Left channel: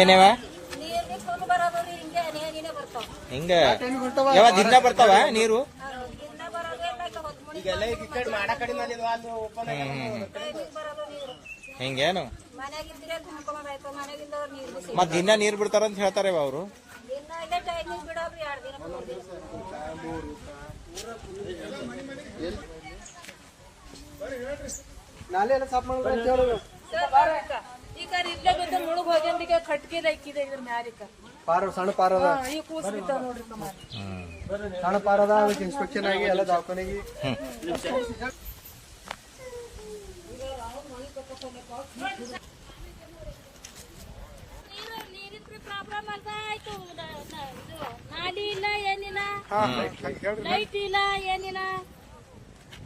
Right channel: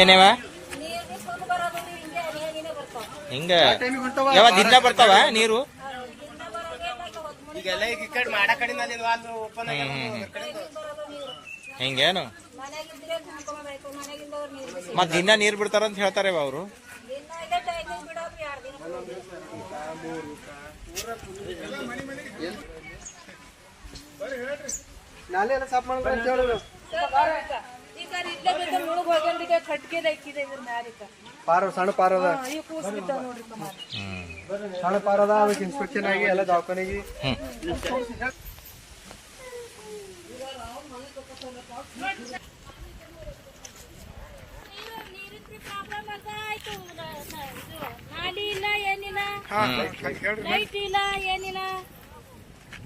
ಏನೇವ ಹಿಂಗ ಯಾವ ದಿನ ಬರ್ತಾವ ನೀರು ಹಿಂಗೇನು ಮತ್ ದಿನ ನೀರ್ ಬಿಡ್ತಾರಂತ ಹೇಳ್ತಾರೆ ಅವರು. ನಾಲೆ ಎಲ್ಲ ಸಾಫ್ ಮಾಡ್ತಾರೆ ಅಂತ ಹೇಳೋದು. ಈಗ ಇಲ್ಲೇ ಬೇಕು ಮುಳುಗ್ ಹೋಗ್ಯಂದಿಗೆ ಕಟ್ಗೆ ಹಾಕಿದೆ ಇದ್ರ ಮ್ಯಾಲಿಕ ಪಾರ ಸಣ್ಣ ಪಾರದ ಈ ಕೂಸ್ ಬಿದ್ದಾವ ನೋಡ್ರಿ ಸಣ್ಣ ಪಾರದ ಇನ್ಸ್ಪೆಕ್ಷನ್ ಆಗಿ ಎಲ್ಲ ದವಾಖಾನೆಗೆ ಪ್ರಾಬ್ಲಮ್ ಅಂತ ಆಯ್ತು. ನಾಲಿ ಇಲ್ಲ ಏನಿಲ್ಲ, ಲೈಟ್ ಇಲ್ಲ ಏನಿಲ್ಲ,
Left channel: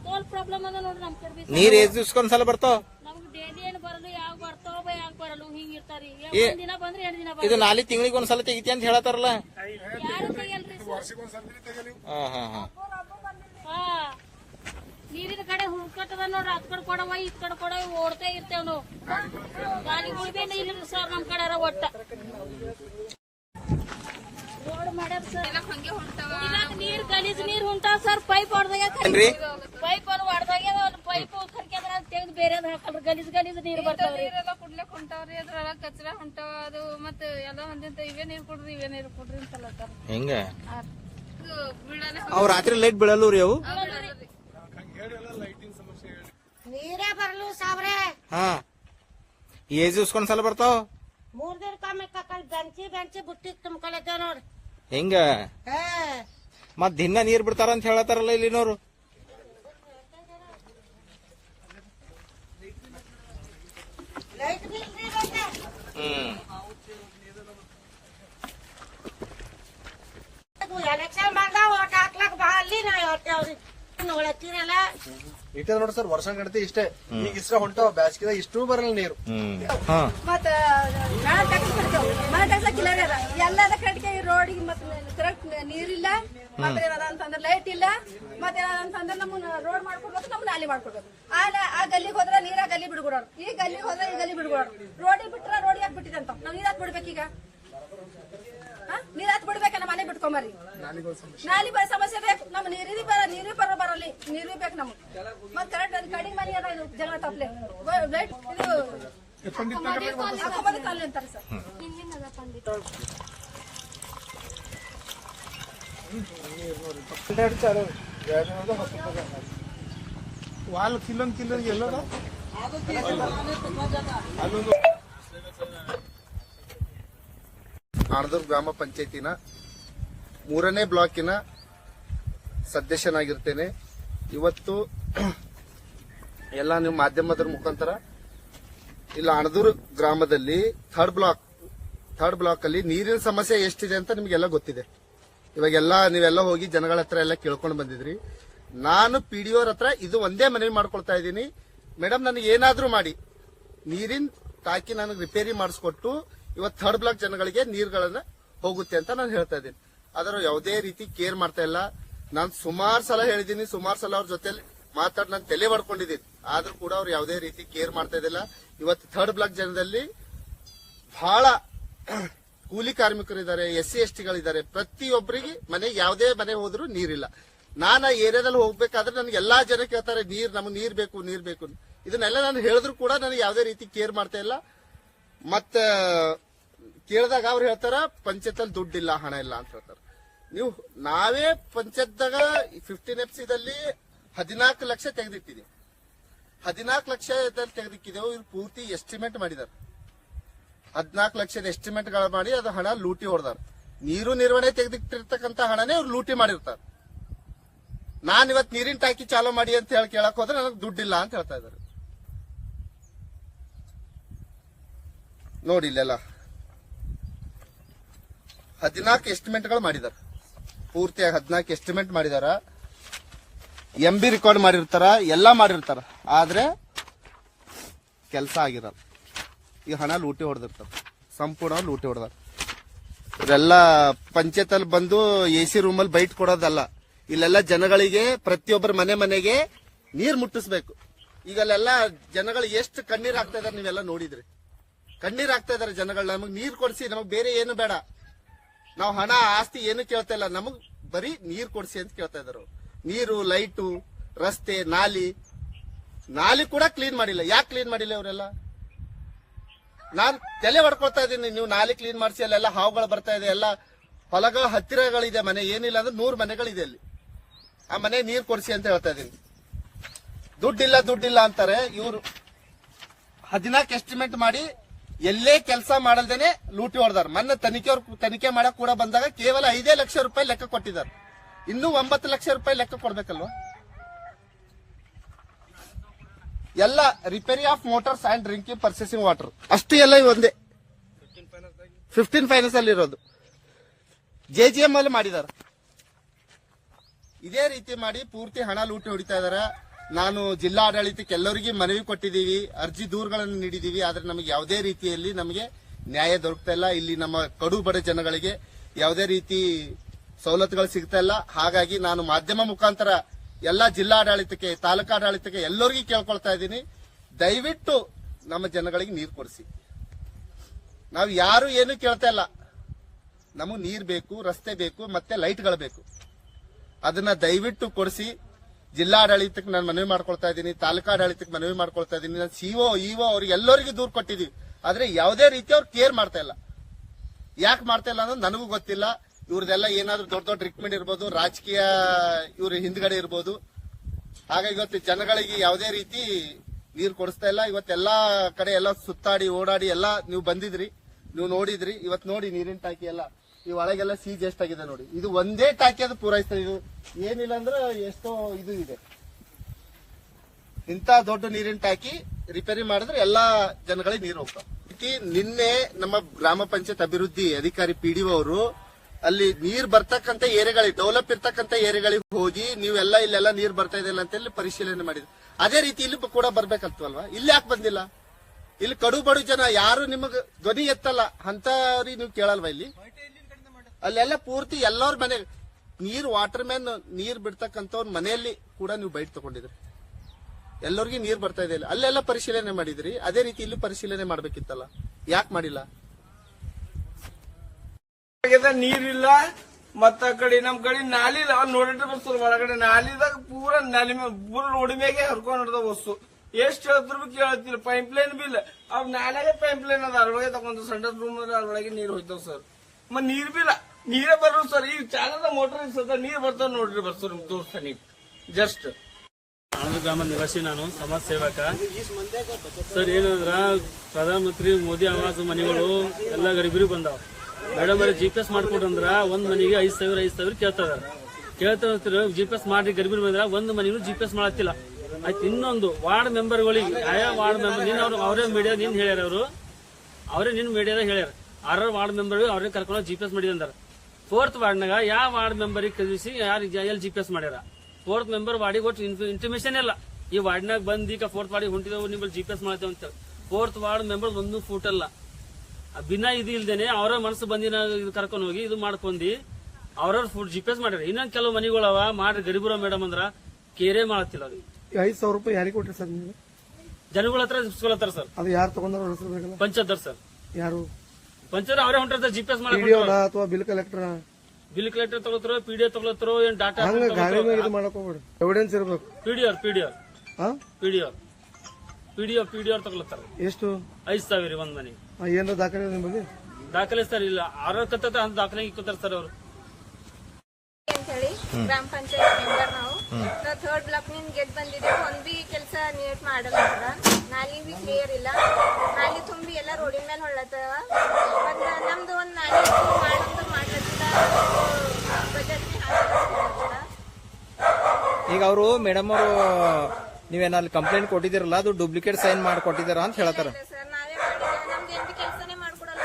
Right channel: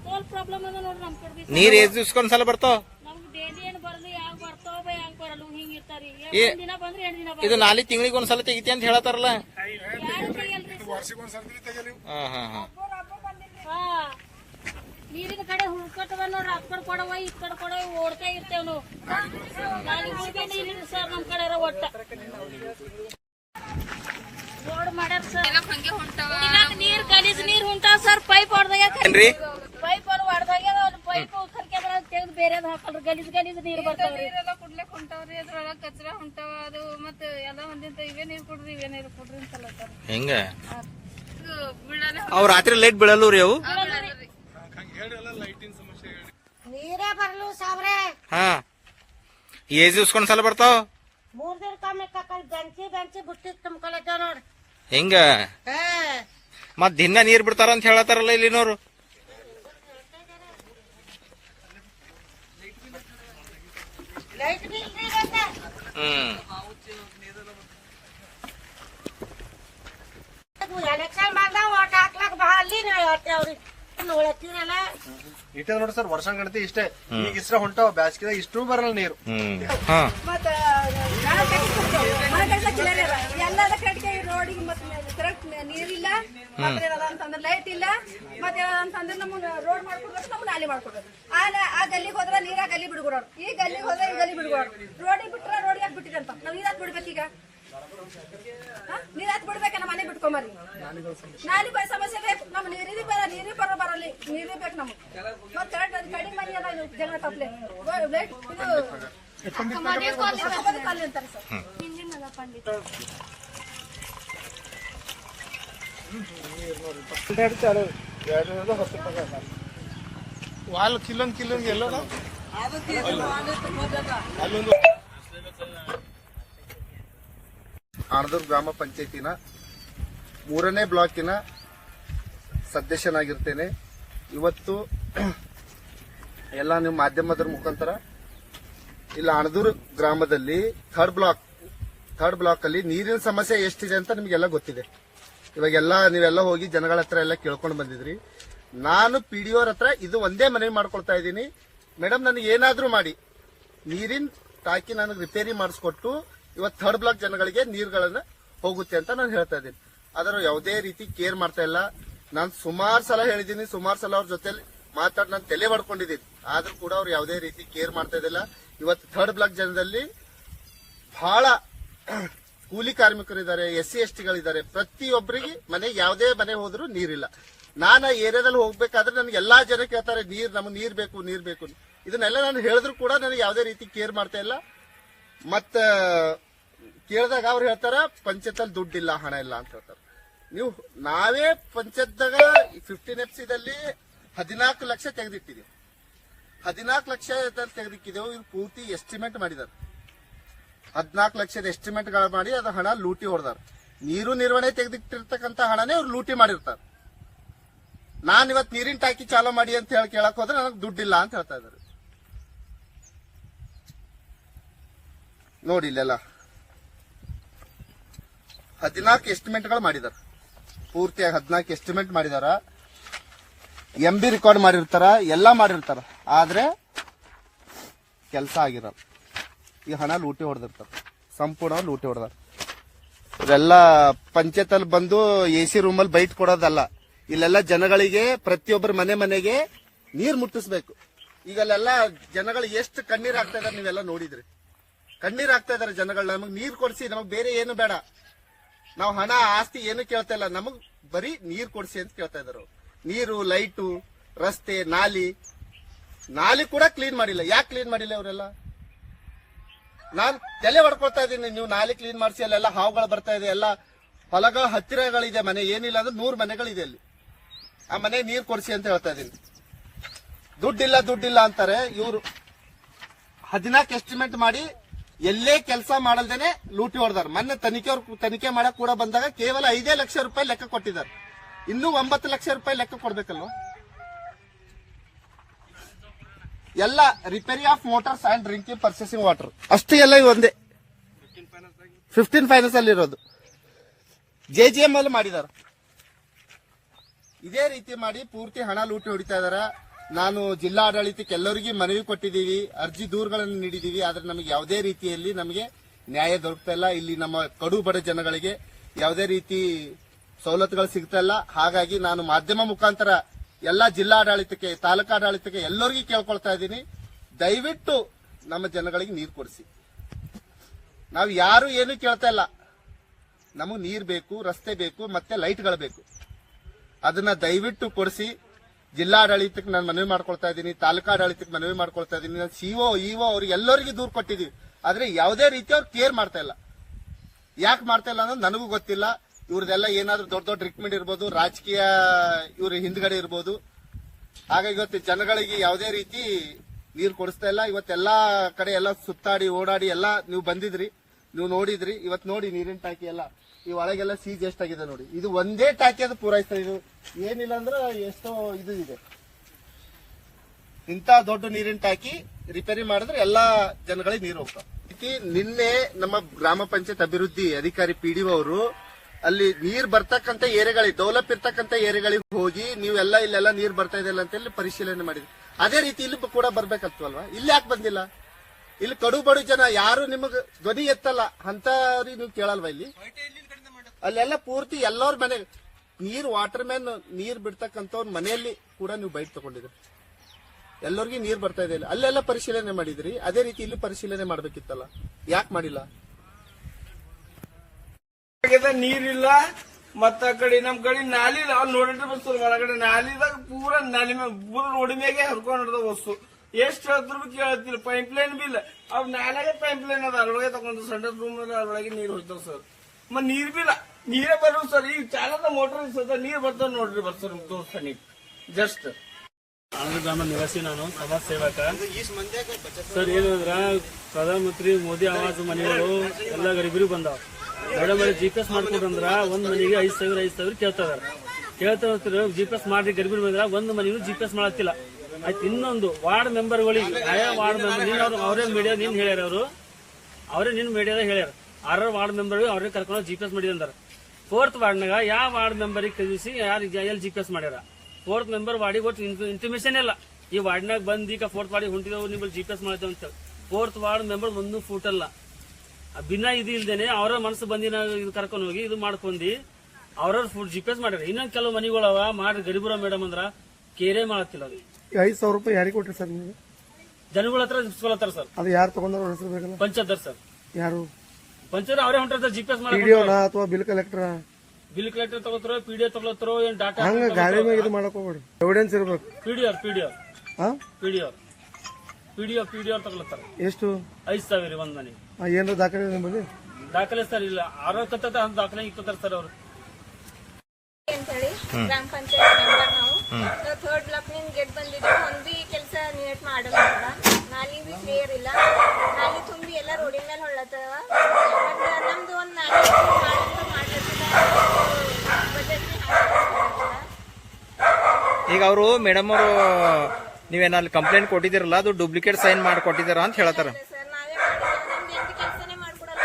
ತೋಲ್ ಪ್ರಾಬ್ಲಮ್ ಅದ ನೋಡ್ರಿ ನಮ್ ಕಡೆ. ನೀರ್ ಎಷ್ಟ್ ದಿವ್ಸಕ್ಕೊಂದ್ಸಲ ಬರ್ತಾವ? ನಮ್ಗೆ ಡೈಲಿ ಏನ್ ಬರಲ್ಲ, ಯಾವಾಗ ಬರ್ತಾವ ಯಾವಾಗ ಬರಲ್ಲ ಹಿಂಗ ಇರ್ತಾರಿ. ದಿನ ಬಂದ್ರೆ 2 ದಿನ ಇದು ನಾಲಿ ತಿಂಗಳಿಗೆ ಒಂದ್ಸಲ ತೆಗಿತಿ ಅಂತ ಹೇಳತ್ತಾರಲ್ಲ, ಯಾರು ತೆಗಿಯಲ್ರಿ. ನೀರಿನ ಕಡೆ ಹುಡ್ಕೊಟ್ಟದ ನೋಡ್ರಿ, ಅದ್ ಕಡೆ ಕೊಡವ ಇದ್ ಕಡೆ ಕೊಡವ ಓಡ್ತಾ ಇರ್ತೇವ್ ನಾವು. ಗಾಲಿಗಳು ಬೇಡ ಇಲ್ರಿ ಸರ್ ನಮ್ ಕಡೆ ಒಟ್ಟ ರೋಡ್ ಮಾಡ್ಯಾರ ಸರ್. ನೀರ್ ಗಲೀಜ್ ನೀರ್ ಹೊಂಟಾವ ಸರ್. ಪೈಪ್ ಹೊಡ್ದಾಗ ಪೈಪ್ ಹೊಡ್ದಾಗ ಪೈಪ್ ಕರ್ಕೆ ಬರೋದ್ ತೆಗ್ದು ಬೇರೆ ಹಾಕಲ್ರಿ. ಗಲೀಜ್ ಗಲೀಜ್ ನೀರ್ ಬರ್ತಾವ್ರಿ. ಕುಡ್ಲಕ್ ಹೊಂಟಾವ್ರಿ, ಅದ್ರೊಳಗ ಕಚ್ರ ಹೊಂಟಾವ. ಅದು ಮತ್ತ ಎಲ್ಲ ಒಂದಿಂತ ಇವೇ ನೀರ್ ಕೊಡ್ರಿ ಇವೇ ನೀರ್ ಕೊಡ್ರಿ ಅಂತಲತ್ತಾರ. ಹೆಂಗ ಅವ್ ರಾತ್ರಿ ಲೈಟ್ ಬೀಳಲ್ಲ ರೀ ಅವು? ನೀರೇ ಬರಲು ಸಾಬ್ರೆ. ಹಾ ಏಜ್ ದಿವ್ಸಕೊಂದ್ಸಲ ಬರ್ತಾವ? 3 ದಿನಕ್ಕೊಮ್ಮೆ ಬೆಂಚಿ ಬುಟ್ಟಿ ತುಂಬ್ಕೊಳತ್ತೇವ ನೋಡ್ರಿ. ಹೆಂಗ ಮತ್ ದಿನ ನೀರ್ ಬಿಡ್ತಾರ ಅಂತ ಹೇಳತ್ತಾರಲ್ಲ ಇಲ್ಲಿನೋರು? ಎಲೆಕ್ಷನ್ ಮಾಡ್ದಾಗ ಓಟ್ ಹಾಕ್ಲಕ್ ಅಲ್ಲಿ ನೋಡತ್ತೀರಲ್ಲ. ಇಷ್ಟ ನೋಡಿ ಸರ್, ವರ್ಷ ಗಣತಿ ಇಷ್ಟೇ. ಈಗ ಇಷ್ಟ ಹೊಂಟಾವ ಬ್ಯಾಸ್ಗಿದಾಗ ಇಷ್ಟು ಬರಲ್ಲ ನೀರು. ಮತ್ತ ಎಲ್ಲದ ಕಡೆಗೆ ರೋಡಿಗೆ ಮತ್ತೆ ಕರೆಕ್ಟ್ ನೀರಿಲ್ಲ, ಮತ್ತೆ ಏನದಂತಂದ್ರೆ ಲೈಟ್ ಇಲ್ಲ, ಮತ್ತೆ ಏನಂತಂದ್ರೆ ನಮ್ಮನ್ನ ರೋಡ್ ಮಾಡ್ಕೊಡ್ಬೇಕು, ನಮ್ಮನ್ನ ನಾಲಿ ಮಾಡ್ಕೊಡ್ಬೇಕು. ಆ ಗಲ್ಲಿಗೆ ಹೋದ್ರ ನೀರ ಗಲ್ಲಿ ಬಿಡ್ಕೊಡೋರು, ಈ ಗಲ್ಲಿಗೆ ಹೋದ್ರ ಈ ಗಲ್ಲಿ ಬಿಡ್ಕೊಡೋರು. ರೋಡಿಗೆ ಬಿಟ್ರ ರೋಡ್ ಯಾಕೆ ಬಿಟ್ಟಿದಂತ ನಾವ್ ನೀರಾತ್ ಬಿಡ್ಬೇಕೀಗ? ನೀರಾತ್ ಬಿಡ್ಬೇಕ, ನಮ್ಮ ಮನೆ ಬಿಟ್ಕೊಂಬರ್ರಿ. ನಾಲಿ ಸಮಸ್ಯೆ ಬೇಕು ನಮ್ ನೀರಿ ಬರಲಿ, ನೀರೇ ಬೇಕು ನಮ್ಗೆ. ಮತ್ ಕರೆಕ್ಟ್ ಕಡಿಮೆ ಮನೆ ಅದ ಜಗಳ ತಪ್ಪಲೆ ಲೈಟ್ ಇದು ಕಾಲು ಅಂತಾರೆ ಸರ್. ವಾಲ್ ಕಿಲ್ಲಂಗ್ ಎಲ್ಲ ಆಣದೂರು ಗ್ರಾಮ ಪಂಚಾಯತಿನ 3ನೇ ಬ್ಲಾಕಿನ ಸದಸ್ಯನಾಗಿರ್ತೇನೆ. ಇವತ್ತು ಎಲ್ಲ ನಿಮ್ಮ ಮಾಧ್ಯಮದ ಮುಖಾಂತರ ಇಲ್ಲ ಆಣದೂರು ಗ್ರಾಮದಲ್ಲಿ ಥರ್ಡ್ ಬ್ಲಾಕ್ ಅಲ್ಲಿ ನೀರಿನ ಸಮಸ್ಯೆ ಎಷ್ಟಿದೆ ಅಂತ ನಿಮಗೆಲ್ಲ ಗೊತ್ತಿದೆ. ಇವಾಗೆಲ್ಲ ನೀವೆಲ್ಲ ಹೋಗಿ ಜನಗಳ ಹತ್ರ ಎಲ್ಲ ಕೇಳ್ಕೊಂಡು ಬಂದಿದ್ರಿ. ನಾನು PDO ಹತ್ರ ಇದು ಒಂದೇ ಮನವಿ ಮಾಡ್ಕೊಳ್ತಾ ಇದ್ದೀನಿ, ಮೇಡಮ್ ನನಗೆ ಏನಾದ್ರೂ ಮಾಡಿ ನೀರಿನ ಟಾಕಿ ನನಗೆ ರಿಪೇರಿ ಮಾಡಿಸ್ಕೊಟ್ಟು ಇವತ್ತು ಥರ್ಡ್ ಬ್ಲಾಕ್ ಜನಗಳಿಗೆ ನೀರುಗಳನ್ನ ಹೋಗುತ್ತೆ ಅಂತ ನಾನು ಹೇಳ್ತಾ ಇದ್ದೀನಿ. ಅದರ ಯಾವುದೇ ರೀತಿ ಕೇರ್ ಮಾಡ್ತಾ ಇಲ್ಲ. ನಾನು ಸುಮಾರು ಸಲ ಹೇಳಿದ್ದೀನಿ, ಸುಮಾರು ಸಲ ಅವ್ರ ಜೊತೆ ಮಾತಾಡಿ ನಾನು ತಲೆ ಮಾಡ್ಕೊಂಡಿದ್ದೀನಿ, ಆದ್ರೂ ಕೂಡ ಅವ್ರು ಯಾವುದೇ ರೀತಿ ಕೇರ್ ಮಾಡ್ತಾ ಇದ್ದಿಲ್ಲ. ಇವತ್ತು ಥರ್ಡ್ ಬ್ಲಾಕ್ ಜನದಲ್ಲಿ ಬಹಳ ಕೂಲಿ ಕಾರ್ಮಿಕರಿದ್ದಾರೆ, SC ST ಗಳಿದ್ದಾರೆ. ಪ್ರತಿಯೊಬ್ಬರಿಗೆ ಮನೆಗೆ ಯಾವುದೇ ಮನೆ ಹೋದ್ರೂ ನೀರಿಲ್ಲ. ನಾನು ಏರಿಯಾದಲ್ಲಿ ಹೋಗ್ಬೇಕಾದ್ರೆ ನನಗೆ ಎಲ್ಲಾ ಜನ ಕೇಳ್ತಾರೆ, ನಮಗೆ ನೀರ್ ಬೇಕು. ಇದನ್ನೆಲ್ಲ ನಾನು ಹೇಳಿದ್ರು ಕೂಡ ನನಗೆ ಯಾವುದೇ ರೀತಿ ಕೇರ್ ಮಾಡ್ತಾ ಇಲ್ಲ. ಮತ್ತ ಕೇಳಿದಾಗ ಅವ್ರು ಹೇಳ್ತಾರ ಪಂಚಾಯತ್ ದುಡ್ಡಿಲ್ಲ, ಹಣ ಇಲ್ಲ ಅಂತ ಹೇಳ್ತಾರೆ. ನಾವೇ ಪಂಚಾಯತ್ದಾಗ 15 FC ದಲ್ಲಿ 14 ಲಕ್ಷ ತೆಗೆದಿಟ್ಟಿದ್ದೀವಿ. 14 ಲಕ್ಷ ತೆಗೆದಿಕ್ಕಿದೆವು. ಇದು ಪೂರ್ತಿ ಎಸ್ಟಿಮೇಟ್ ಮಾಡಿದಾರೆ. 14 ಲಕ್ಷದ ಎಸ್ಟಿಮೇಟ್ ಗಳು ಮಾಡಿ ಅದು ಹಣ ಲೂಟಿ ಹೊಡೆದಾರ. ನೀರು ನಿರ್ವಹಣೆ ತೆಗೆದಿಟ್ಟಿರ್ತಕ್ಕಂಥ ಹಣನೇ ಅವ್ರು ಲೂಟಿ ಮಾಡಿರ್ತಾರೆ. ನಾನ್ ಇವತ್ತು ನೀರಿನ ಟಾಕಿ ಚಾಲೂ ಮಾಡಿ ಅಂತ ಹೇಳಿ ಕೇಳಕ್ ಹೋದ್ರೆ ನನಗೆ ದುಡ್ಡಿಲ್ಲ ಅಂತ ಹೇಳ್ತಾ ಇದಾರೆ. ನೋಡಿ ಇಲ್ಲೆಲ್ಲ 14 ಎಸ್ಟಿಮೇಟ್ಗಳು ಮಾಡಿದಾರೆ. ಪೂರ್ತಿಯಾಗಿ 14 ಎಸ್ಟಿಮೇಟ್ ಮಾಡಿದಾರ. MB ರೆಕಾರ್ಡ್ ಮಾಡಿರ್ತಾರ, ಎಲ್ಲಾ ಮಾಡಿರ್ತಾರ, ಆದ್ರೆ ಕೆಲಸ ಆಗಿರಲ್ಲ. ಈ ಹಣ ಲೂಟಿ ಹೊಡೆದಿರ್ತಾರ, ಸಂಪೂರ್ಣ ಲೂಟಿ ಹೊಡೆದಾರ. ಇವರೆಲ್ಲ ಪಂಚಾಯತ್ ಅಲ್ಲಿ ಬಂದು AC ರೂಮಲ್ಲಿ ಬೈಟ್ ಕೊಡೋದಲ್ಲ, ಇಲ್ಲೆಲ್ಲ ಜನಗಳಿಗೆ ಪ್ರತಿಯೊಬ್ಬರ ಮನೆಗೆ ನೀರ್ ಮುಟ್ಟಿಸ್ಬೇಕು. ಈಗಲ್ಲೆಲ್ಲ ಜನಗಳಿಗೆ ಎಷ್ಟು ಕಣ್ಣೀರ್ ಹಾಕ್ತಾ ಇದಾರೆ ನೀವೆಲ್ಲ ನೋಡಿದ್ರಿ. ಕಣ್ಣೀರ್ ಹಾಕ್ತಾ ಇದಾರೆ ಜನಗಳು. ನಮಗ್ ನೀರ್ ಕೊಡ್ಸಿ, ನಮಗ್ ಬೇರೆ ಏನು ಬೇಡ, ನಾವು ಹಣ ಆಸ್ತಿ ಏನು ಕೇಳ್ತಾ ಇಲ್ಲ, ನಮಗ್ ಬರೀ ನೀರ್ ಕೊಡ್ಸಿ ಅಂತ ಕೇಳ್ತಾ ಇದಾರೆ. ನೀರು, ಲೈಟು, ರಸ್ತೆ, ನಾಲಿ ಕೂಡ ಕ್ಲೀನ್ ಮಾಡಿಲ್ಲ. ಯಾಕೆ ಕ್ಲೀನ್ ಮಾಡಿಲ್ಲ ಅವರೆಲ್ಲ? ನಾನ್ ತಲೆ ಹೊಡ್ಕೊಳ್ತಾ ಇದ್ದೀನಿ, ನೀವು ನಾಲಿ ಕ್ಲೀನ್ ಮಾಡಿಸಿ, ಅಲ್ಲೆಲ್ಲ ಹಾವುಗಳು ಬರ್ತಾ ಇದೆ, ಎಲ್ಲ ಹೊಲಗಳು ಹತ್ತಿರಗಳಿದೆ, ಮನೆ ಏನಿಲ್ಲ ಅಂದ್ರೆ 100 ಮನೆಗಳಿದೆ ಅಲ್ಲಿ. ಆ ಮನೆ ನೀರ್ ಕೊಡ್ಸಿ ಅಂತ ಹೇಳ್ತಾ ಇದೀನಿ. ದುಡ್ಡಿಲ್ಲ ಅಂತಾರೆ ಇವರು. 14 ಎಸ್ಟಿಮೇಟ್ ಮಾಡಿ ಎಲ್ಲೇ ಕೆಲಸ ಮಾಡಲ್ದೇನೆ ಲೂಟಿ ಹೊಡೆದಾರ. ಮೊನ್ನೆ ತನಿಖೆ ಮಾಡಕ್ ಕೂಡ ಬಂದಾಗ ಕೇವಲ 5 ಲಕ್ಷ ರೂಪಾಯಿ ಲೆಕ್ಕ ಕೊಟ್ಟಿದ್ದಾರೆ. ಇನ್ನೂ 9 ಲಕ್ಷ ರೂಪಾಯಿ ಲೆಕ್ಕ ಕೊಡ್ಬೇಕಲ್ವ? ಎಲ್ಲ repair of motors and drinking purchasing water ಅಷ್ಟೇ, ಎಲ್ಲ ಒಂದೇ 15 ಫೈನಾನ್ಸ್ ಅಲ್ಲಿ ಇರೋದು. JGM ಅಲ್ಲಿ ಮಾಡಿದಾರ. ಇದೇ ರೀತಿ ಮಾಡಿ ಪೂರ್ತಿ ಹಣ ಲೂಟಿ ಹೊಡಿತಾ ಇದಾರ. ನಾನು ಜಿಲ್ಲಾ ಆಡಳಿತಕ್ಕೆ ಎಲ್ಲರಿಗೂ ಮನವಿ ಕೊಟ್ಟಿದ್ದೀವಿ, ಅರ್ಜಿ ದೂರುಗಳನ್ನು ನೀಡಿದ್ದೀವಿ. ಆದ್ರೆ ನಮಗೆ ಯಾವುದೇ ರೀತಿಯಲ್ಲಿ ನಮಗೆ ನ್ಯಾಯ ದೊರಕ್ತಾ ಇಲ್ಲ. ಇಲ್ಲಿ ನಮ್ಮ ಕಡು ಬಡ ಜನಗಳಿಗೆ ಯಾವುದೇ ರೀತಿ ಸವಲತ್ತುಗಳು ಸಿಗ್ತಾ ಇಲ್ಲ. ಹಾಗಾಗಿ ನಾನು ಮಾಧ್ಯಮ ಮುಖಾಂತರ ಎಲ್ಲ ಜಿಲ್ಲಾಡಳಿತಕ್ಕೆ, ತಾಲೂಕಾಡಳಿತಕ್ಕೆ ಎಲ್ಲರಿಗೂ ಕೇಳ್ಕೊಳ್ತಾ ಇದ್ದೀನಿ, ದಯವಿಟ್ಟು ನಮ್ಮ ಜನಗಳಿಗೆ ನೀರು ಕೊಡಿಸಿ. ನಾವು ಯಾರು ಏನು ಕೇಳ್ತಾ ಇಲ್ಲ, ನಮಗೆ ನೀರು ಬೇಕು, ರಸ್ತೆ ಬೇಕು, ಮತ್ತೆ ಲೈಟ್ಗಳು ಬೇಕು. ಅದನ್ನ ದಯವಿಟ್ಟು ಕೊಡಿಸಿ. ಜಿಲ್ಲಾಡಳಿತಕ್ಕೆ ನಾನು ಮನವಿ ಮಾಡ್ಕೊಳ್ತಾ ಇದ್ದೀನಿ, ತಾಲೂಕಾಡಳಿತಕ್ಕೆ ಮನವಿ ಮಾಡ್ಕೊಳ್ತಾ ಇದ್ದೀನಿ. ನಾನು CO, EO ಅವ್ರಿಗೆ ಎಲ್ಲರಿಗೂ ದೂರು ಕೊಟ್ಟಿದ್ದೀವಿ. ಆದ್ರೆ ಯಾವುದೇ ರೀತಿ ಅವ್ರು ಕೇರ್ ಮಾಡ್ತಾ ಇಲ್ಲ. ಯಾಕೆ ಮಾಡ್ತಾ ಇಲ್ಲ ಅನ್ನೋದು ನನಗೂ ಗೊತ್ತಿಲ್ಲ. ಇವ್ರದೆಲ್ಲ ಏನಾದ್ರೂ ದೊಡ್ಡ ರಿಕ್ಮೆಂಡ್ ಇರ್ಬೋದು, ರಾಜಕೀಯ ಇವ್ರ ಹಿಂದ್ಗಡೆ ಇರ್ಬೋದು. ಹಾಗಾಗಿ ಇವತ್ತು ಜನಗಳಿಗೆ ಯಾವುದೇ ರೀತಿ ನೀರು ಕೊಡಿಸ್ತಾ ಇಲ್ಲ. ಇವತ್ತೆಲ್ಲಾ ಕಡೆ ಎಲ್ಲ ಸುತ್ತಾಡಿ ಓಡಾಡಿ ಎಲ್ಲ ನೀವು ಬಂದಿದ್ರಿ, ನೀವು ನೋಡಿದ್ರಿ. ಇವತ್ತು ನೋಡಿ ನೀರಿನ ಟಾಕಿ ಎಲ್ಲ ಈ ಒಳಗೆಲ್ಲ ಸೀಜ್ ಎಷ್ಟಾಗಿದೆ ನೋಡಿ. ಇದು ಒಂದೇ ಟಾಕಿ ಅದು ಪೂರೈಸ್ತಾ. ಇದು ಏನಿಲ್ಲ ಅಂದ್ರೆ ಎಷ್ಟೋ ಇದು ಇದೆ. ಇಂತ ದೊಡ್ಡ ನೀರಿನ ಟಾಕಿ ರಿಪೇರಿ ಮಾಡಿದ್ರೆ ಎಲ್ಲಾ ಜನಗಳಿಗೆ ನೀರು ಹೋಗ್ತಾವ. ನಿನ್ನೆ ನಮ್ಮ ಗ್ರಾಮ ಪಂಚಾಯತ್ ಅಭಿವೃದ್ಧಿ ಅಧಿಕಾರಿ PDO ಅವರು ಅಲ್ಲಿ ನೀರ್ ಬರ್ತಕ್ಕಂತ ಏರಿಯಾಗಳಿಗೆ, ಡೆವಲಪ್ ಇರ್ತಕ್ಕಂತ ಏರಿಯಾಗಳಿಗೆ ಹೋಗಿ ನೀವೆಲ್ಲ ಇಲ್ಲೆಲ್ಲ ನೀರ್ ಬರ್ತಾ ಇದೆ ಅಂತ ಹೇಳಿ ಪರಿಶೀಲನೆ ಮಾಡಿದ್ವಿ. ಅದೇ ರೀತಿ ಇಲ್ಲಿ ಕೂಡ ಬರ್ಬೇಕಲ್ವಲ್ವಾ? ಇಲ್ಲಿ ಯಾಕೆ ಬಂದಿಲ್ಲ? ಇಲ್ಲಿ ಕಡು ಬಡು ಜನ ಯಾರು ನಿಮಗ್ ಧ್ವನಿ ಎತ್ತಲ್ಲ ಅಂತವ್ರಿಗೆ ನೀವು ಕೇಳಲ್ವಾ? ಇಲ್ಲಿ ಅಲ್ಲೆಲ್ಲ ಪೂರ್ತಿ ಎಲ್ಲರ ಮನೆ ನೀರ್, ವಾಟರ್ ಮ್ಯಾನ್ ನೀರ್ ಬಿಡ್ತಕ್ಕಂಥವ್ರ ಮನೆಯಲ್ಲಿ ಕೂಡ ನೀವು ಬೈಟ್ ತಗೊಂಡಿದ್ರಿ. ಎಲ್ಲರಿಗೂ ನೀರ್ ಬರ್ತಾ ಇದೆ. ಅಲ್ಲೆಲ್ಲ ಪರಿಶೀಲನೆ ಮಾಡಿದ್ರಿ. ಅದೇ ರೀತಿ ಇಲ್ಲಿ ಪರಿಶೀಲನೆ ಮಾಡ್ಬೇಕಿತ್ತಲ್ಲ, ಯಾಕೆ ಮಾಡಿಲ್ಲ? ನೀರಿಲ್ಲ. ಮತ್ತ ಆ ಕಡೆ ನಮ್ ಕಡೆ ನಾಲಿ ನೋಡಿದ್ರೆ ಬರ್ತದ ಒಳಗಡೆ ನಾಲಿದಾಗ ಪೂರ ನಾಲಿ ರೋಡಿ ಮ್ಯಾಗೆ ಹರ್ಕೊಂಡ್ ಹಿಡ್ದ ವಸ್ತು. ಎಷ್ಟ್ ಹೇಳಿದ್ರು ಕೇಳತ್ತಿಲ್ಲ. ಪೈಪ್ ಲೈನ್ ಬಿಲ್ ಅವ್ ನಾಲ್ಗೆ ಪೈಪ್ ಲೈನ್ ಅದ, ಅದ್ರೊಳಗೆ ತಗೊಂಡು ಸಂಡಸ್ ರೂಮ್ ಅದ್ರೊಳಗೆ ನೀರ್ ಹೋಗ್ತಾವ ಸರ್. ಮತ್ ನೀರ್ ಬಿಲ್ಲ, ನೀರೇ ಬರೋದು ಸರ್. ಈಗ ಚಾಲದ ಮೋಟರ್ ಸದ ನೀರ್ ಬರ್ತಾವ ನೋಡ್ರಿ, ಬರ್ತಾರ ತೋರಿಸ್ತಾ ನೀರ್ ಜಸ್ಟ್. ಆನಂದ ಗ್ರಾಮ ನಿವಾಸಿ, ನಾನು ಸಮಾಜ ಸೇವಕ ಸರ್. ಏನಂದ್ರ ಪ್ರಧಾನಮಂತ್ರಿ ಮೋದಿ ಆವಾಸ್ ಮನೆಗಳು ಎಲ್ಲ ಗರೀಬರಿಗೆ ಬಂದಾವ. ಮೇಡಮ್ ಅವ್ರಿಗೆ GPS ಮಾಡ್ಕೊಟ್ರಂದ್ರ ಒಂದ್ ಮನೆಗೆ 5,000 ಕೇಳ್ತಾ GPS ಮಾಡ್ರಿ ಗರೀಬರು ಬಂದ್ರ ಒಂದ್ ಮನೆಗೂ GPS ಮಾಡತ್ತಿಲ್ಲ. ಆಯ್ತು, ಇನ್ನೊಂದು ವಾರ್ಡ್ ಮೆಂಬರ್ಗಳಿಗೆ, ಆಯಾ ವಾರ್ಡ್ ಮೆಂಬರ್ ನಿನ್ ಅವರೇ ಮೀಡಿಯಾ ನಿನ್ ಹೇಳ್ಯಾರ, ಅವರೇ ನಿನ್ ಮೀಡಿಯಾದಾಗ ಹೇಳ್ಯಾರ. 6 ವಾರ್ಡ್ ಮೆಂಬರ್ ಅವ್ರಿಗೆ ಕರ್ಕೊಂಡು GPS ಮಾಡಿದ ಅಂದಾರ. 4th ವಾರ್ಡ್ನಾಗ ಯಾವ ವಾರ್ಡ್ ಮೆಂಬರಿಗೆ ಕಳಿಸಿ ಯಾರು ಎಲ್ಲಿ GPS ಮಾಡ್ಯಾರ? 4th ಮೆಂಬರ್ ವಾರ್ಡಿಗೆ ಒಟ್ಟು ಇಂಟಿಮೇಷನ್ ಇಲ್ಲ. ಈ ವಾರ್ಡ್ನಾಗ ಬಂದ್ ಈಗ 4th ವಾರ್ಡಿಗೆ ಹೊಂಟಿದೆವು, ನಿಮ್ಮಲ್ಲಿ GPS ಮಾಡ್ತೇವೆ ಅಂತ. 4th ವಾರ್ಡ್ ಮೆಂಬರ್ ಒಂದು ಫೂಟ್ ಅಲ್ಲ, ಬಿನ್ನ ಇದು ಇಲ್ದೇನೆ ಅವರ ಮನಸ್ಸು ಬಂದಿನ ಇದು ಕರ್ಕೊಂಡು ಹೋಗಿ ಇದು ಮಾಡ್ಕೊಂಡಿ ಅವ್ರವ್ರ ಫುಡ್ GPS ಮಾಡ್ಯಾರ. ಇನ್ನೊಂದ್ ಕೆಲವು ಮನಿಗಳವ ಮಾಡ್ರಿ ಗರೀಬರ ಮೇಡಮ್ ಅಂದ್ರ ಕೇರೆ ಮಾಡತ್ತಿಲ್ಲ. ಅದು 5,000 ರೂಪಾಯಿ ಯಾರಿಗೆ ಕೊಟ್ರಿ ಸರ್ ನೀವು? ಜನಗಳ ಹತ್ರ ಇಸ್ಕೊಳತ್ತಾರ ಸರ್. ಅದು ಯಾರು ತಗೊಂಡ್ರ ಹೆಸರು ಬೇಕಲ್ಲ? ಪಂಚಾಯತ್ ಸರ್. ಯಾರು ಪಂಚಾಯತ್ ಅವರೇ ಹೊಂಟಿರ್ತಾರೆ GPS PDO ಅಥವಾ ಬಿಲ್ ಕಲೆಕ್ಟರ್? ಬಿಲ್ ಕಲೆಕ್ಟರ್ ತಗೋತಾರೋ, PDO ತಗೋತಾರೋ, ಏನ್ ಡಾಟಾ ಹಂಗ ಗಾಡಿ ಮೇಲೆ ಇದು ಮಾಡಕ್ ಹೋಗ್ಬೇಡಿ. ಎವಿಡೆನ್ಸ್ ಇರ್ಬೇಕು. PDO ತಗೊಳತ್ತಾರ. ಎಷ್ಟು? 5,000 ಒಂದ್ ಮನೆಗೆ. ಏನಾರ ದಾಖಲೆ ನಿಮ್ಮಲ್ಲಿ? ದಾಖಲೆ ಸರ್ ಇಲ್ಲ. ಆರೋಗ್ಯ ಅಂತ ದಾಖಲೆ ಇಕ್ಕೋತಾರ ಸರ್ ಅವರು. ಅಂತ ಹೇಳಿ ಗ್ರಾಮ ಪಂಚಾಯತ್ ಮೆಂಬರ್ ನಾವು 3rd ಬ್ಲಾಕ್ ನಿಂದ ಗೆಟ್ ಬಂದಿದ್ದೀವಿ. ಒಂದ್ ಬಿ ಕೆಲಸ ನೀಟ್ ಮಾಡಲ್ಲ. ನಾಲಿ ಬಿ ಕ್ಲಿಯರ್ ಇಲ್ಲ. ನಾಲಿ ತುಂಬಿ ಎಲ್ಲ ರೋಡಿನ ಮೇಲೆ ಹೊಳ್ಳತ್ತವ. ಬಟ್ ನಮ್ದು ಒಂದ್ ನಾಲಿ ಮಾಡ್ಲತ್ತಿಲ್ಲ. ಬಜೆಟ್ ಈಗ ಅವರು ಮೇಡಮ್ ಅವರು ನೀವೇನಲ್ಲಿ ಕಂಪ್ಲೇಂಟ್ ಕೊಟ್ಟಿದ್ದೀರಲ್ಲ, ಅದು ಡೂಪ್ಲಿಕೇಟ್ ಸೈನ್ ಮಾಡಿ ಕೊಟ್ಟಿದ್ದೀರಾ ಅಂತ ಹೇಳ್ತಾರ. ಸರ್ ನಾವೇ ಮಾಡಿದ್ದೇವೆ. ನಮ್ದು ಎಂತ ಕೆಲಸನೇ ಮಾಡ್ಕೊಡಲ್ಲ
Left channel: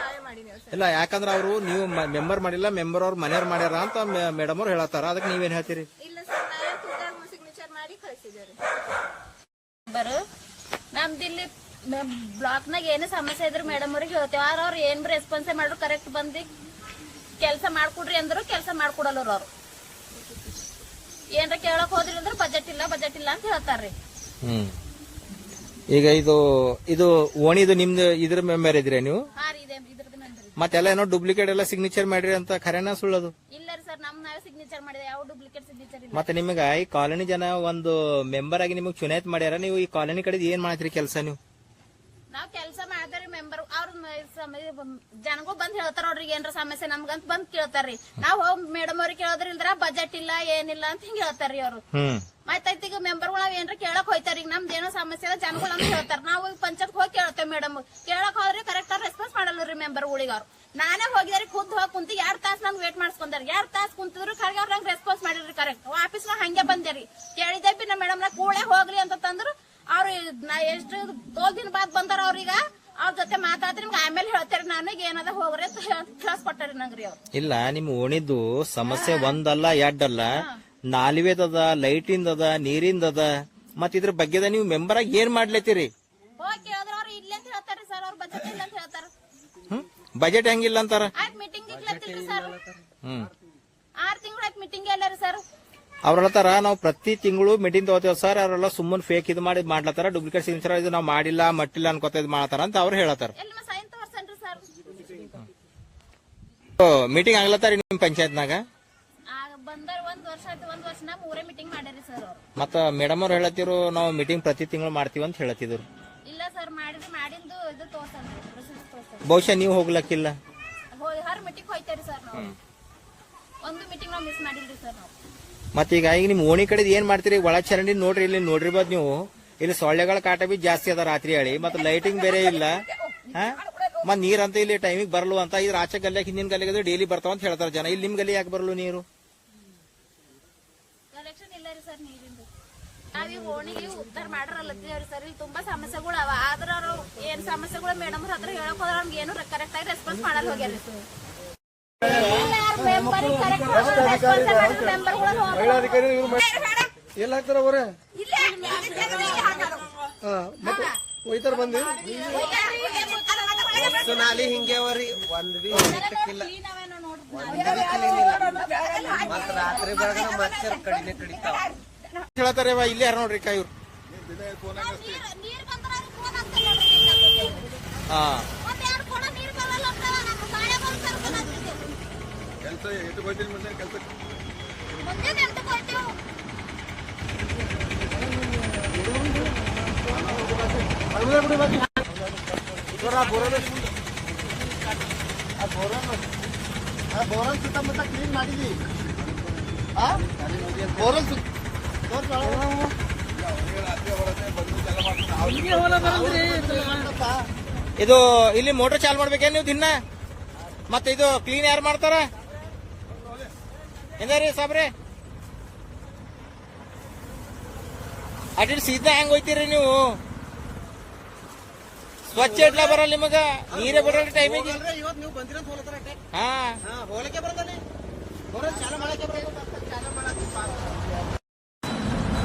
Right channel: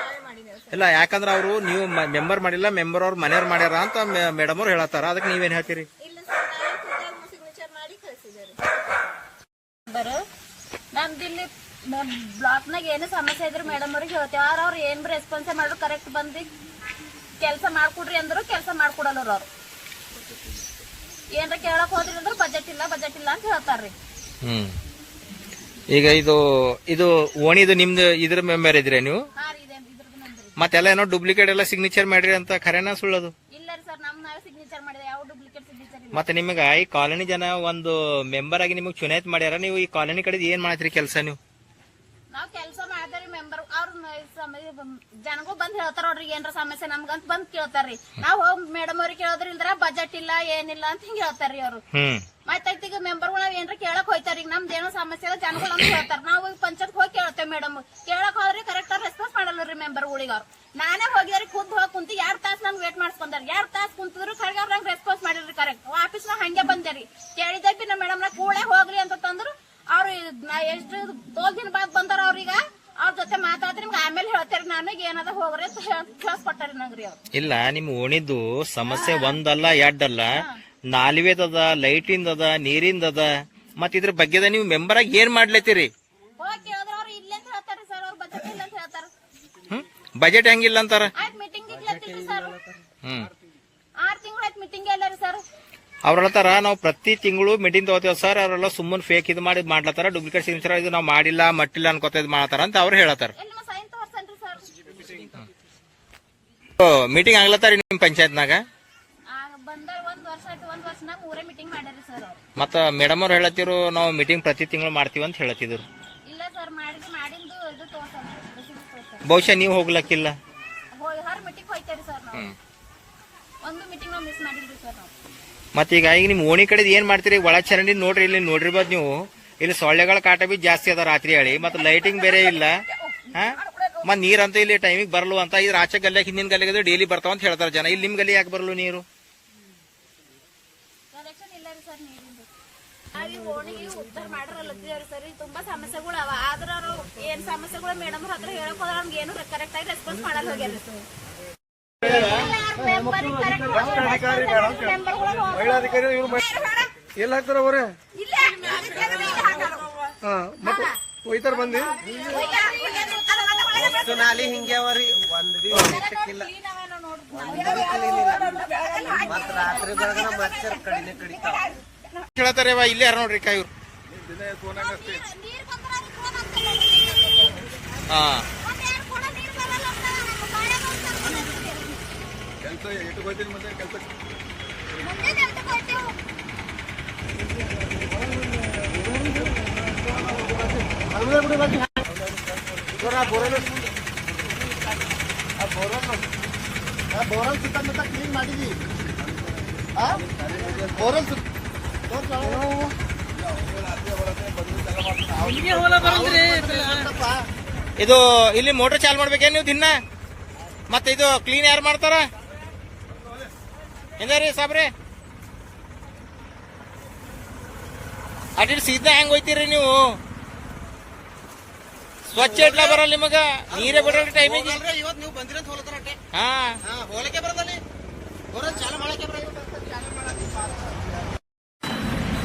ನಾವೇ ಮಾಡಿದ್ದೇವೆ ಸರ್. ಇಲ್ಲ, ಯಾಕಂದ್ರೆ ಅವರು ನೀವು ಮೆಂಬರ್ ಮಾಡಿಲ್ಲ, ಮೆಂಬರ್ ಅವ್ರ ಮನೆಯವ್ರು ಮಾಡ್ಯಾರ ಅಂತ ಮೇಡಮ್ ಅವ್ರು ಹೇಳತ್ತಾರ. ಅದಕ್ಕೆ ನೀವೇನ್ ಹೇಳ್ತೀರಿ? ಇಲ್ಲ ಸರ್, ನಾವೇ ಖುದ್ದಾಗಿ ಸಿಗ್ನೇಚರ್ ಮಾಡಿ ಕಳಿಸಿದ್ದೇವೆ. ನಮ್ದು ಇಲ್ಲಿ ಬ್ಲಾಕ್ನಾಗ ಏನು ಸಮಸ್ಯೆ ಇದ್ರೆ ಮೇಡಮ್ ಅವ್ರಿಗೆ ಹೇಳ್ತೇವೆ. ಅವ್ರು ಏನ್ ರೆಸ್ಪಾನ್ಸ್ ಮಾಡ್ರು ಕರೆಕ್ಟ್ ಬಂದು ಕೆಲಸ ಮಾಡ್ಕೊಡ್ರಿ ಅಂದ್ರು ಕೆಲಸ ಮಾಡ್ಕೊಡಲ್ಲ ಅವ್ರು. ಏನ್ರ ಕೇಳಕ್ ಹೋದ್ರಿ ಅಂದ್ರೆ ಬಜೆಟ್ ಇಲ್ಲ ಅಂತ ಹೇಳ್ತಾರ್ರಿ. ಈಗ ಇದು ಓಣಿದು ನಿಮ್ದು ಇದ್ರ ಮೆಂಬರ್ ಇದ್ರಿ ನೀವು ಹಾ ರೀ ಇದ್ರದ್ದು ನಂದ್ರಿ. ಮತ್ತೆಲ್ಲ ಏನೋ ಡೂಪ್ಲಿಕೇಟ್ ಎಲ್ಲ ಸಿಗ್ನೇಚರ್ ಮಾಡ್ರಿ ಅಂತ ಖರೇನಾ ಸುಳ್ಳದು? ಇಲ್ಲ ರೀ ಸರ್, ನಮ್ ನಾವೇ ಸಿಗ್ನೇಚರ್ ಮಾಡಿದೆ, ಯಾವ ಡೂಪ್ಲಿಕೇಟ್ ಸಿಗ್ನೇಚರ್ ಇಲ್ಲ. ಮತ್ತೆ ನಿಮಗೆ ಈ ಕಾಲೋನಿ ಜನ ಒಂದು ಮೆಂಬರ್ ಆಗಿ ನಿಮಗೆ ಚುನಾಯಿತಿ ಮಾಡ್ಯಾರ, ನೀವು ಈ ಕಾಲೋನಿ ಕಡೆ ಏನ್ ಮಾಡ್ತೀರಿ ಕೆಲಸ ನೀವು? ನಾವ್ ಕೆಲಸ ಮಾಡಿದ್ರಿ ಮೆಂಬರ್ ಅವ್ರ ಜನಗೂ ಬಂದ್ ಹೇಳ್ತಾರ ನೋಡ್ರಿ ಏನ್ರ ಸಮಸ್ಯೆ ನಮ್ಗಂತ ಬಂದ್ ಕೇಳ್ತಾರ್ರಿ. ನಾವ್ ಹೋಗ್ ಮೇಡಮ್ ಅವ್ರಿಗೆ ಕೇಳೋದ್ರ ಇಲ್ದ್ರ ಬಜೆಟ್ ಇಲ್ಲ ಏನಿಲ್ಲ ಅಂತ ಹಿಂಗ ಹೇಳ್ತಾರ್ರಿ ಅವ್ರು. ಮತ್ತೈತಿ ಈಗ ಮೆಂಬರ್ಗಳು ನಾವ್ ಏನ್ರ ಕೇಳಕ್ ಹೋಯ್ತಾರ, ಈಗ ನಮ್ದು ಏನೋ ಸಮಸ್ಯೆ ಇಲ್ಲ ಜನಗಳು ಅಂತ ಹೇಳ್ತಾರ. ನಾವು ಪಂಚಾಯತ್ ಹೋಗಿ ಕೇಳ್ತೇವೆ ಮೇಡಮ್, ಕೇಳಕ್ ಹೋದ್ರೆ ಕರೆಕ್ಟ್ ಆಗಿ ರೆಸ್ಪಾನ್ಸ್ ಮಾಡಲ್ರಿ ಮೆಂಬರ್ಗಳಿಗೆ. ಅವ್ರು ನಾನೇ ಹೋಗಿದ್ರಿ ಖುದ್ ಹೋಗಿ ಕುಂತು 2 ತಾಸು ನನ್ ವೇಟ್ ಮಾಡ್ಸ್ಕೊಂಡಾರ. 2 ತಾಸು ಕುಂತಿದ್ರು ಖರ್ಗೆ ಅವ್ರ ನಂಗೆ ರೆಸ್ಪಾನ್ಸ್ ಮಾಡಿಲ್ರಿ ಕರೆಕ್ಟ್. ಆಫೀಸ್ ಹಂಗೆ ಬಂದೇರಿ ಕೇಳಿದ್ದೆ ಬಿ ನಮ್ಮ ಮೇಡಮ್ ನ ಕೂಳೆ ಹೋಗ್ಲಿ ಅಂತ ತಂದ್ರು. ಅವ್ರು ಎಷ್ಟು ತೋಲ್ ದಿನ ಬಾದ್ ಬಂದಾರ. ಅವ್ರೀಗ ಅವ್ರ ಜೊತೆ ಮಾತಾಡ್ರಿ ನಿಮ್ಗೆ ಆಮೇಲೆ ಹೇಳ್ತೇರಿ, ನನಗೆ ಏನದ ಹೋಗ್ರಿ ಅಂತ ಕೇಳಿಸ್ಕೊಟ್ಟಾರಿ ನಂಗ್ರಿ ಅವ್ರು. ಇಲ್ಲ, ನಿಮ್ ಓಣಿದ್ದು ಸಮಸ್ಯೆ ಒಂದಲ್ಲ ಎರಡಲ್ಲ, ನಾಲ್ವೇದದ, ಲೈಟಿಂದದ, ನೀರಿಂದದ, ಮತ್ ಇದ್ರ ಬಗ್ಗೆ ನೀವು ಮೆಂಬರ್ ಆಗಿ ಏನ್ ಮಾಡ್ಲತ್ತೀರಿ? ಹೋಗಿ ಕೇಳಿದ್ರ ಅವ್ರು ಇಲ್ಲ ಅಂತ ಹೇಳ್ತಾರಿ ಸರ್, ಅವ್ರ ಬಜೆಟ್ ಇಲ್ಲ ಅಂತ ಹೇಳ್ತಾರ. ಬಜೆಟ್ ಹೆಂಗಿಲ್ಲ ಅಂತಾರ? ಆಯ್ತು ಮೀಟಿಂಗ್ ಇಗ್ಲತ್ತಿಲ್ರಿ ಸರ್, 6 ತಿಂಗಳು ಆಯ್ತು ಮೀಟಿಂಗ್ ಇಲ್ಲ ರೀ ಸರ್. ಅವ್ರ ಹೇಳ್ತಾರ ನಾವು ಪ್ರತಿ ತಿಂಗಳು ಮೀಟಿಂಗ್ ತಗೋತೀವಿ ಸರ್, ಅವರೆಲ್ಲ ಸುಮ್ಮನೆ ಫೇಕ್ ಇದು ಮಾಡ್ಲತ್ತಾರ, ಡೂಪ್ಲಿಕೇಟ್ ಸಿಗ್ನೇಚರ್ ಇದು ನಾವು ಮಾಡಿಲ್ಲ ಮಟ್ಟಿಲ್ಲ ಅನ್ಕೋತ ಇದು ಮಾಡತಾರ ಅಂತ ಅವ್ರು ಹೇಳತ್ತಾರ. ಎಲ್ಲಿ ಸೈನ್ ತೋರ್ಸನ್ರಿ ಸರ್. ಮೀಟಿಂಗ್ ಆಗ್ಲತ್ತಾರ ನಿಮ್ ಪಂಚಾಯತ್ನಾಗ? ಬಂದಾರ 1 ವರ್ಷ ಆಯ್ತು, 1 ವರ್ಷನಾಗ 3 ಮೀಟಿಂಗ್ ಮಾಡ್ಯಾರಿ ಸರ್ ಅವ್ರು. ಮತ್ತ ಮೇಡಮ್ ಅವ್ರು ಹೇಳತ್ತಿರು ನಾವು ಮೀಟಿಂಗ್ ಪ್ರತಿ ತಿಂಗಳು ಮಾಡ್ತೀವಿ ಅಂತ ಹೇಳತ್ತಿದ್ರು. ಇಲ್ಲ ಸರ್, ಮಾಡಿಂದು ಇದು ತೋರ್ಸಲ್ಲ, ರಿಸೀಪ್ಟ್ ತೋರ್ಸಲ್ಲ. ಬಹುಶಃ ನೀವು ಹೋಗ್ಲಕ್ಕಿಲ್ಲ. ಹರ್ ಮೀಟಿಂಗ್ ಹೋಯ್ತಾರಿ ಸರ್ ನಾವು. ಒಂದು ಮೀಟಿಂಗ್ ನಾವು ಮಿಸ್ ಮಾಡಿಲ್ರಿ ಸರ್ ನಾವು. ಮತ್ತೀಗ ಈಗ ನಿಮ್ ಓಣಿ ಕಡೆ ಏನ್ ಮಾಡ್ತೀರಿ? ಒಳ ಚರಂಡಿ ನೋಡ್ರಿ, ಇಲ್ಲಿ ನೋಡಿರ್ಬೋದು ನೀವು, ಇಲ್ಲಿ ಸೊಳ್ಳೆಗಳ ಕಾಟ ಬಿ ಜಾಸ್ತಿ ಅದ ರಾತ್ರಿ ಹೇಳಿ, ಮತ್ತೆ ಲೈಟಿಂಗ್ ಬೇರೆ ಇಲ್ಲ. ಮತ್ ನೀರಂತ ಇಲ್ಲಿ ಟೈಮಿಗೆ ಬರಲು ಅಂತ ಇದ್ರ ಆಚೆ ಗಲ್ಯಾಗ ಹಿಂದಿನ ಗಲ್ಲಿಗೆ ಡೈಲಿ ಬರ್ತಾವ ಅಂತ ಹೇಳ್ತಾರ ಜನ. ಇಲ್ಲಿ ನಿಮ್ ಗಲ್ಲಿ ಯಾಕೆ ಬರಲು ನೀರು? ಕಲೆಕ್ಷನ್ ಇಲ್ಲ ರೀ ಸರ್ ನೀರಿಂದು. ನಾವೀ ಓಣಿಗೆ ಉದ್ದಾರ ಮಾಡ್ರಲ್ಲತ್ತೀವ್ರಿ ಸರ್, ಇಲ್ಲಿ ತುಂಬಾ ಸಮಸ್ಯೆಗಳು ಅವ. ಆದ್ರ ಅವ್ರು ಏನ್ ಸಮಸ್ಯೆಗಳು ಮೇಡಮ್ ಹತ್ರ ಹೇಳಕ್ ಹೋದ್ರ ನಮ್ಗೆ ಏನು ಕರೆಕ್ಟ್ ಆಗಿ ರೆಸ್ಪಾನ್ಸ್ ಮಾಡಲ್ಲ ಹೋಗ್ಯಾರ ಸರ್. ಎಲ್ಲ ಹಾಕ್ತಾರ ಅವ್ರೆ? ಹಾ, ಮತ್ತೆ ಒಯ್ತಾರ ಬಂದಿ? ಹಿಂಗೆ ಅವರಿ ಒಂದ್ ಬಿ ಹೇಳ್ತಾರೆ ಇಲ್ಲೇ ಯಾರು ನೋಡ್ರಿ ಇವ್ರು. ಹಾ, ಬೋರಲ್ ಸುತ್ತಮುತ್ತ ಕ್ಲೀನ್ ಮಾಡಿದ್ವಿ. ಬೋರಲ್ ಇದು ಇಲ್ಲಿ ಮೋಟರ್ ಚಾಲು ಮಾಡ್ಬೇಕೇನು ನೀವು ದಿನ? ಮತ್ತೆ ಇದು ಕ್ಲೀನ್ ಯಾರು ಮಾಡ್ತಾರ? ಹೆಂಗ್ರಿ ಸಾಬ್ರೆ, ಅಡ್ಡಿ ಸೀದಾ ಹೆಂಗ್ ಹೋಯ್ತೀರಿ ನೀವು? ಸ್ವಚ್ಛ ಇಟ್ಲ ಬರಲ್ಲ ನಿಮಗ, ನೀರೇ ಬಿಡಲ್ಲ ಟೈಮಿಗೆ. ಇವತ್ತು ನೀವು ಬಂದ್ರಿ ಅಂತ ಹೋಲತ್ತಾರ. ಹಾ, ಹೋಲಕ್ಕೆ ಬರದಲ್ಲಿ ಬೋರಲ್ ಚಾಲು ಮಾಡಕ್ಕೆ ಬರ.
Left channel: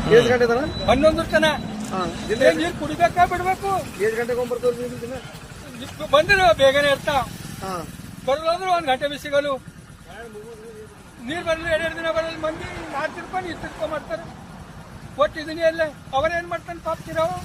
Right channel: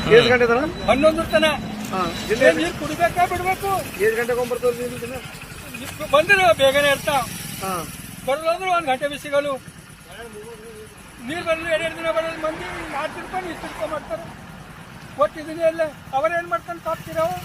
11 ತನ ನೀರು ಕುಡಿಬೇಕಾ ಬಿಡ್ಬೇಕು? 7 ಗಂಟೆಗೆ ಬಂದ್ರೆ ಬೇಗನೆ ಇರ್ತಾವ, ಬರಲ್ಲ ಅಂದ್ರೆ 1 ಗಂಟೆ ಬಿ ಸಿಗಲು. ನೀರು ಬರಲು 2 ದಿನ ಬರಲ್ಲ. ಮಂದಿ 4 ತಿರ್ಕೊಂಡು 2 ತಿರ್ಕೊಂಡ್ ಮಾಡ್ತಾರೆ. ಒಟ್ಟಿದ್ದೀನಿ ಎಲ್ಲ ಅವರೇನ್ ಮಾಡ್ತಾನೆ ಪಾಪ್ತಿರಾವು.